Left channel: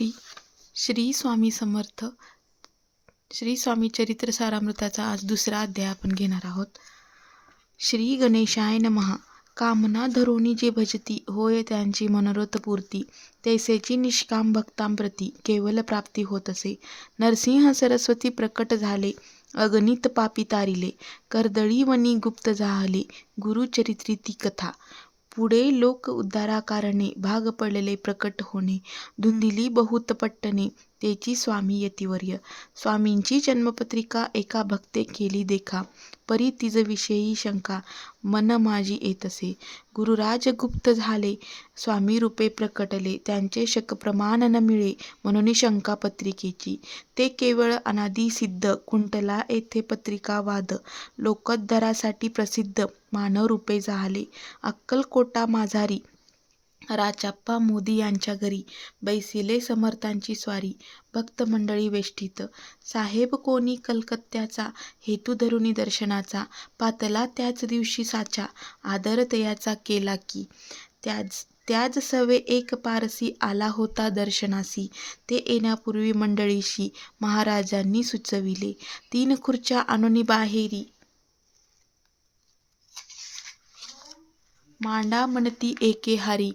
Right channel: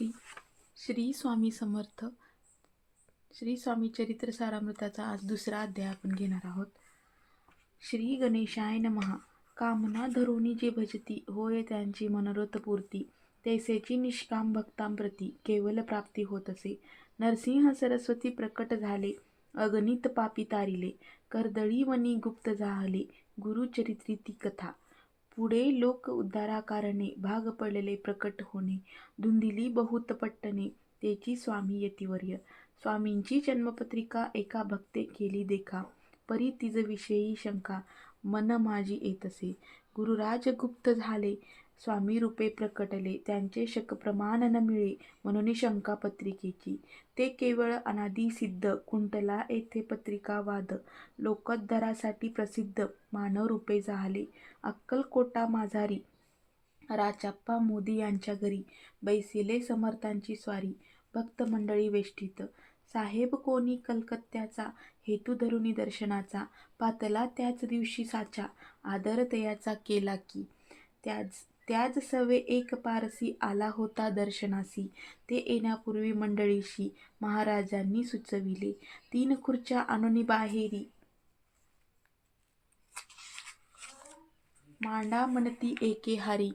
श्री श्री स्वामी समर्थ. श्री स्वामी चरित्र सारामृताचा आज दुसरा अध्याय आपण घेणार आहोत. श्री गणेशाय नमः. कामना धरोनी जे भजती, होय त्यांची मनोरथ पूर्ती. तैसेची निष्काम भक्तांप्रती केवल प्राप्ती होत असे. नरसिंह सरस्वती प्रकट झाले, अगणित पापी तारिले. कर्दळी वनी गुप्त जाहले, गुरुचरित्री ती कथा. पुढे लोक उद्धाराकारणे भाग पडलेले प्रकट होणे. धुंदिली बहुत पट्टणे, तेची स्वामी यतिवर्य. स्वामींची जन्मपत्रिका एका भक्ते केली देखा. परी तिज विषयी शंका, मन माझी येतसे. गुरुराज गुप्त झाले, स्वामी रूपे प्रकटले. त्यांचे शक प्रमाण न मिळे, म्हणून शंका पत्रिकेची. ते केवळ अनादि सिद्ध, कुंटला येथे पत्रिका वाद. लोकोद्धारासाठी प्रसिद्ध, मानव रूपे जाहले. अक्कलकोटा माझारी, राचाप्पा मोदी यांच्या घरी. बैसिले समर्थांची स्वारी, भक्त मंडळी वेष्टीत. साहेब कोणी कलकत्त्याचा, हेतू धरुनी दर्शनाचा. पातला त्याच दिवशी साचा, आदर तयाचा केला की. त्याच सवे एक पारसी आला होता दर्शनासी. ते येण्यापूर्वी मंडळीशी महाराजांनी सुचविले. 3 खुर्च्या आणूनी बाहेरी, मांडा म्हणती एके हारी.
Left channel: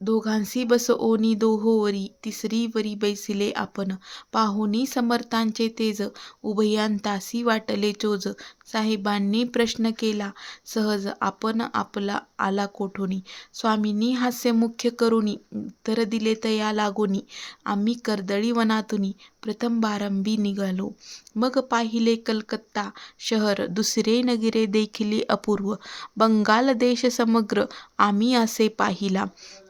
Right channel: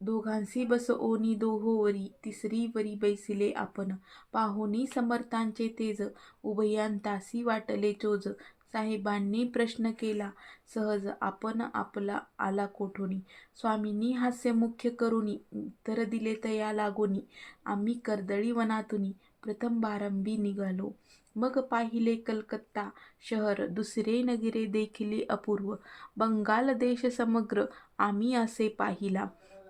दोघांसी बसवोनी दोहोवरी, तिसरी वरी बैसिले आपण. पाहुनी समर्थांचे तेज, उभयांतासी वाटले चोज. साहेबांनी प्रश्न केला सहज, आपण आपला आला कोठूनी. स्वामींनी हास्य मुख्य करुनी, उत्तर दिले तया लागोनी. आम्ही कर्दळी वनातुनी, प्रथम बारंबी निघालो. मग पाहिले कलकत्ता शहर, दुसरे नगरे देखिले अपूर्व. बंगाल देश समग्र आम्ही असे पाहिला.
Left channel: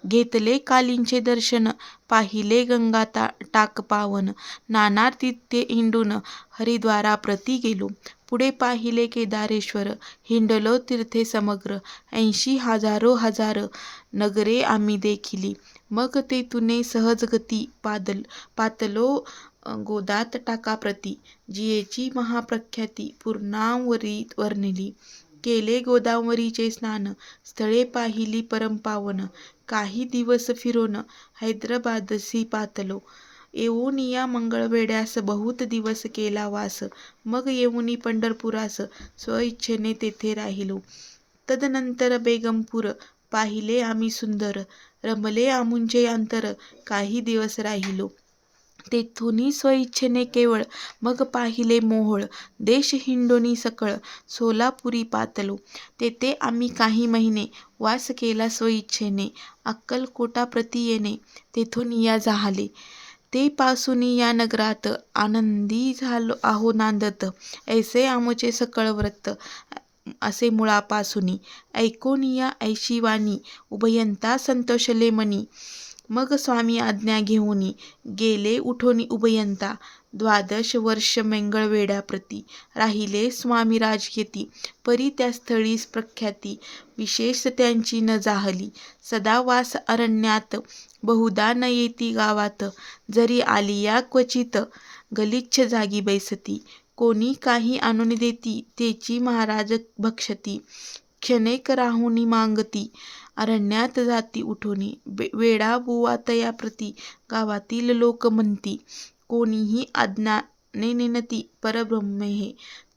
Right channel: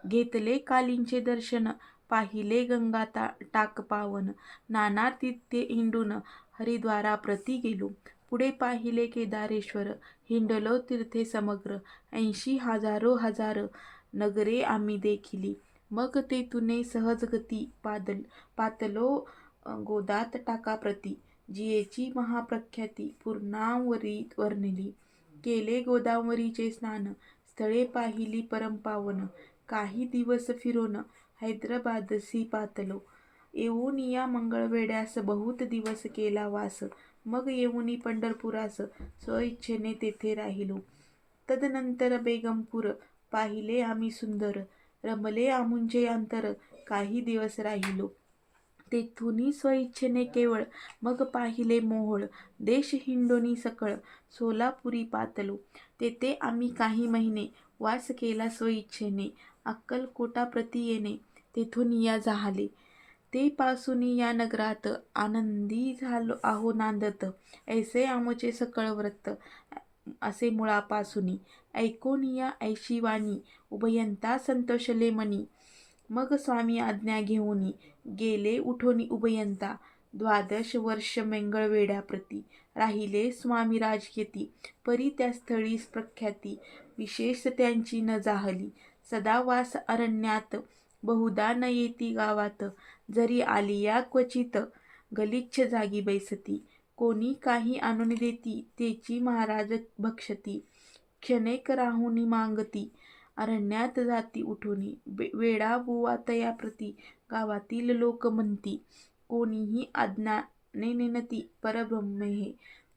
घेतले कालींचे दर्शन, पाहिले गंगा टाक पावन. नाना तीर्थे हिंडून हरिद्वाराप्रती गेलो. पुढे पाहिले केदारेश्वर, हिंडलो तीर्थे समग्र. 80 हजारो हजार नगरे आम्ही देखिली. मग तेथुने सहज गती, पातलो गोदात टाकाप्रती. जियेची महाप्रख्याती पूर्णावरी वर्णिली. केले गोदावरीचे स्नान, स्थळे पाहिली परमपावन. काही दिवस फिरोन हैदराबादसी पातलो. येऊनिया मंगळवेढ्यास बहुत दिवस केला वास. मग येऊनी पंढरपुरास, स्वइच्छेने तेथे राहिलो. तदनंतर बेगमपूर पाहिले आम्ही सुंदर. रमले आमुंचे अंतर, काही दिवस राहिलो. तेथुनी स्वइच्छेने केवळ, मग पाहिले मोहोळ. देश हिंडोनी सकळ, सोलापुरी पातलो. तेथे आम्ही काही महिने वास केला स्वइच्छेने. अक्कलकोटाप्रती येणे, तेथून या जाहले. ते पासूनी या नगरात, आनंदी झालो आहो नांदत. ऐसे आमचे सकळ व्रत, असे मुळापासूनी. ऐकोनिया ऐशी वाणी, उभयंता संतोषले मनी. मग स्वामी आज्ञा घेऊनी, गेले उठोनी उभयंता. 12 वर्ष मंगळवेढ्याप्रती राहिले स्वामी राजयती. परी त्या स्थळीस प्रख्याती, विशेष त्यांची न जाहली. सदा वास अरण्यात, बहुधा न येती गावात. जरी आलिया क्वचित, गलिच्छ जागी बैसती. कोणी काही आणून देती, तेची महाराज भक्षती. क्षणेक राहुनी मागती, अरण्यात जाती उठोनी. वेडा बुवा तयाप्रती, गावातील लोक म्हणती. कोणीही अज्ञाने नेनती, परब्रह्म हे.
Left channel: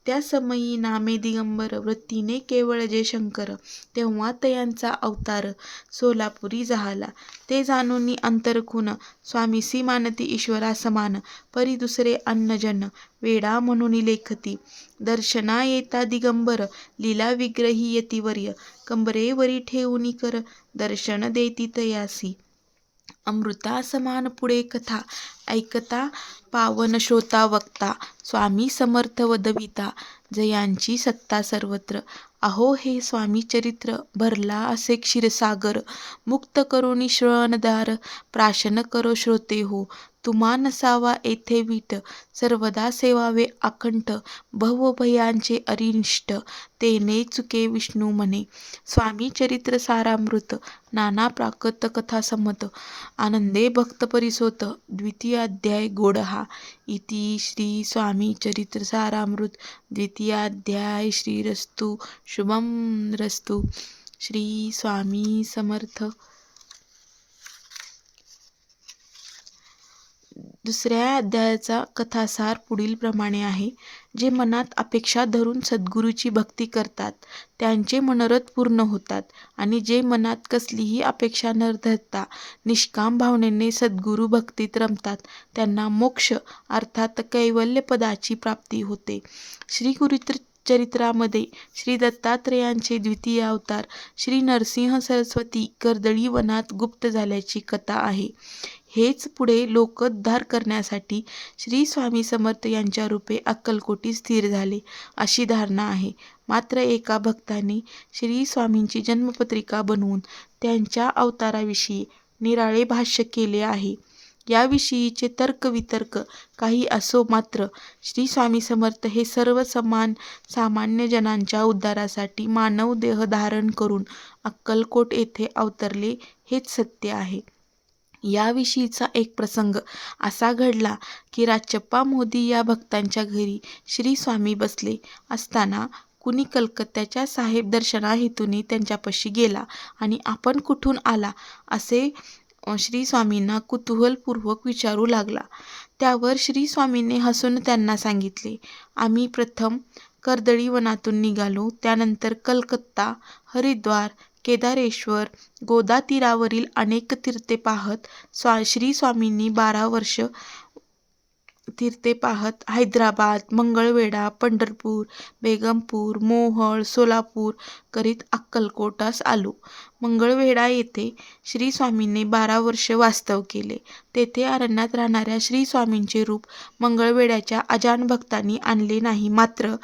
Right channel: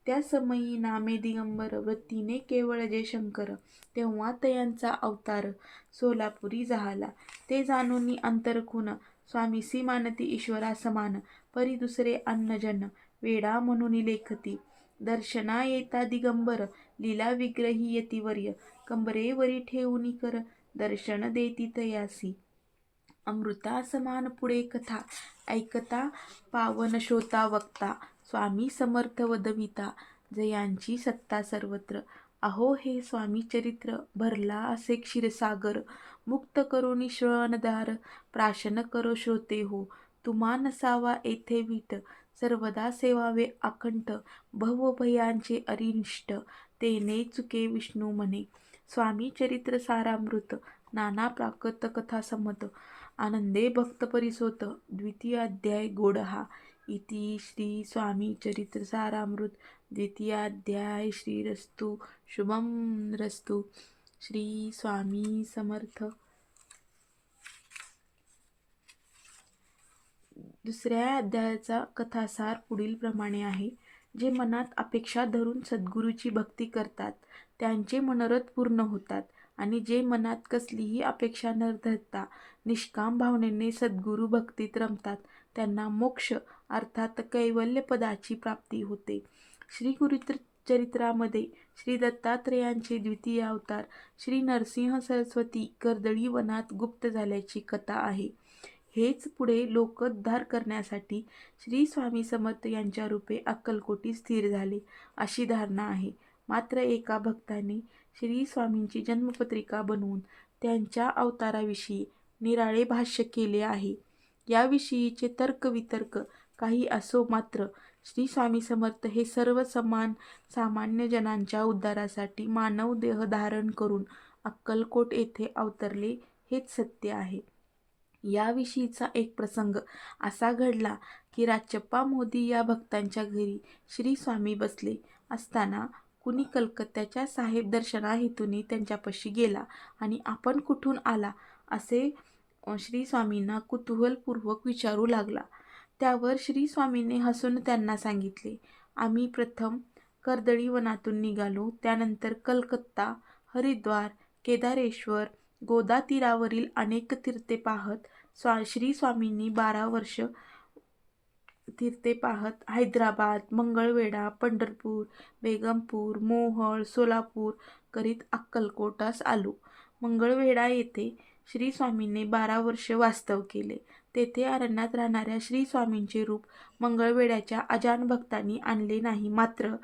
त्या समयी नामे दिगंबर, वृत्तीने केवळ जे शंकर. तेव्हा तयांचा अवतार, सोलापुरी जाहला. ते जाणूनी अंतरखून, स्वामीसी मानती ईश्वरा समान. परी दुसरे अन्नजन, वेडा म्हणून लेखती. दर्शना येता दिगंबर, लीला विग्रही यतिवर्य. कंबरेवरी ठेवूनी कर, दर्शन देती तयासी. अमृता समान पुढे कथा, ऐकता पावन श्रोता वक्ता. स्वामी समर्थ वदविता, जयांची सत्ता सर्वत्र. अहो हे स्वामी चरित्र, भरला असे क्षीरसागर. मुक्त करुनी श्रवणदार, प्राशन करो श्रोते हो. तुम्हा नसावा येथे वीट, सर्वदा सेवावे अकंठ. भवभयांचे अरिष्ट, तेने चुके विष्णू म्हणे. स्वामी चरित्र सारामृत, नाना प्राकृत कथा समत. आनंदे भक्त परिसोत, द्वितीय अध्याय गोड हा. इति श्री स्वामी चरित्र सारामृत द्वितीयाध्याय. श्रीरस्तु शुभम रस्तु. श्री स्वामी समर्थ. दुसऱ्या अध्यायाचा कथासार पुढीलप्रमाणे आहे. जे मनात अपेक्षा धरून सद्गुरूची भक्ती करतात त्यांचे मनोरथ पूर्ण होतात आणि जे मनात कसलीही अपेक्षा न धरता निष्काम भावनेने सद्गुरू भक्तीत रमतात त्यांना मोक्ष अर्थात कैवल्यपदाची प्राप्ती होते. श्री चरित्रामध्ये श्री दत्तात्रेयांचे द्वितीय अवतार श्री नरसिंह सरस्वती कर्दळी वनात गुप्त झाल्याची कथा आहे. हेच पुढे लोकोद्धार करण्यासाठी श्री स्वामी समर्थ यांच्या रूपे अक्कलकोटी स्थिर झाले अशी धारणा आहे. मात्र एका भक्ताने श्री स्वामींची जन्मपत्रिका बनवून त्यांच्या अवताराविषयी निराळे भाष्य केले आहे. याविषयीचे तर्कवितर्क काही असो, मात्र श्री स्वामी समर्थ हे सर्व सामान्य जनांच्या उद्धारासाठी मानव देह धारण करून अक्कलकोट येथे अवतरले हेच सत्य आहे. याविषयीचा एक प्रसंग असा घडला की राचप्पा मोदी या भक्तांच्या घरी श्री स्वामी बसले असताना कुणी कलकत्त्याच्या साहेब दर्शना हेतूने त्यांच्यापाशी गेला आणि आपण कुठून आला असे श्री स्वामींना कुतूहलपूर्वक विचारू लागला. त्यावर श्री स्वामींनी हसून त्यांना सांगितले, आम्ही प्रथम कर्दळी वनातून निघालो. त्यानंतर कलकत्ता, हरिद्वार, केदारेश्वर, गोदा तीरावरील अनेक तीर्थे पाहत श्री स्वामींनी 12 वर्ष तीर्थे पाहत हैदराबाद, मंगळवेढा, पंढरपूर, बेगमपूर, मोहोळ, सोलापूर करीत अक्कलकोटास आलो. मंगळवेढा येथे श्री स्वामींनी 12 वर्ष वास्तव केले. तेथे अरण्यात राहणाऱ्या श्री स्वामींचे रूप मंगळवेढ्याच्या अजान भक्तांनी आणले नाही. मात्र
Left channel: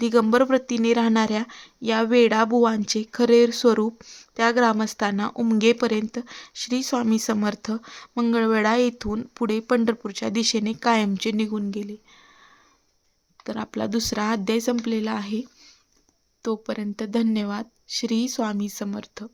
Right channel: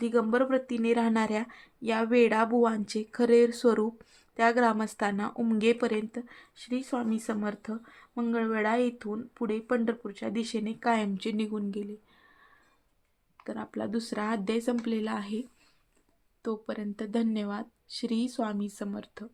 दिगंबर वृत्तीने राहणाऱ्या या वेडाबुवांचे खरे स्वरूप त्या ग्रामस्थांना उमगेपर्यंत श्री स्वामी समर्थ मंगळवेढा येथून पुढे पंढरपूरच्या दिशेने कायमचे निघून गेले. तर आपला दुसरा अध्याय संपलेला आहे. तोपर्यंत धन्यवाद. श्री स्वामी समर्थ.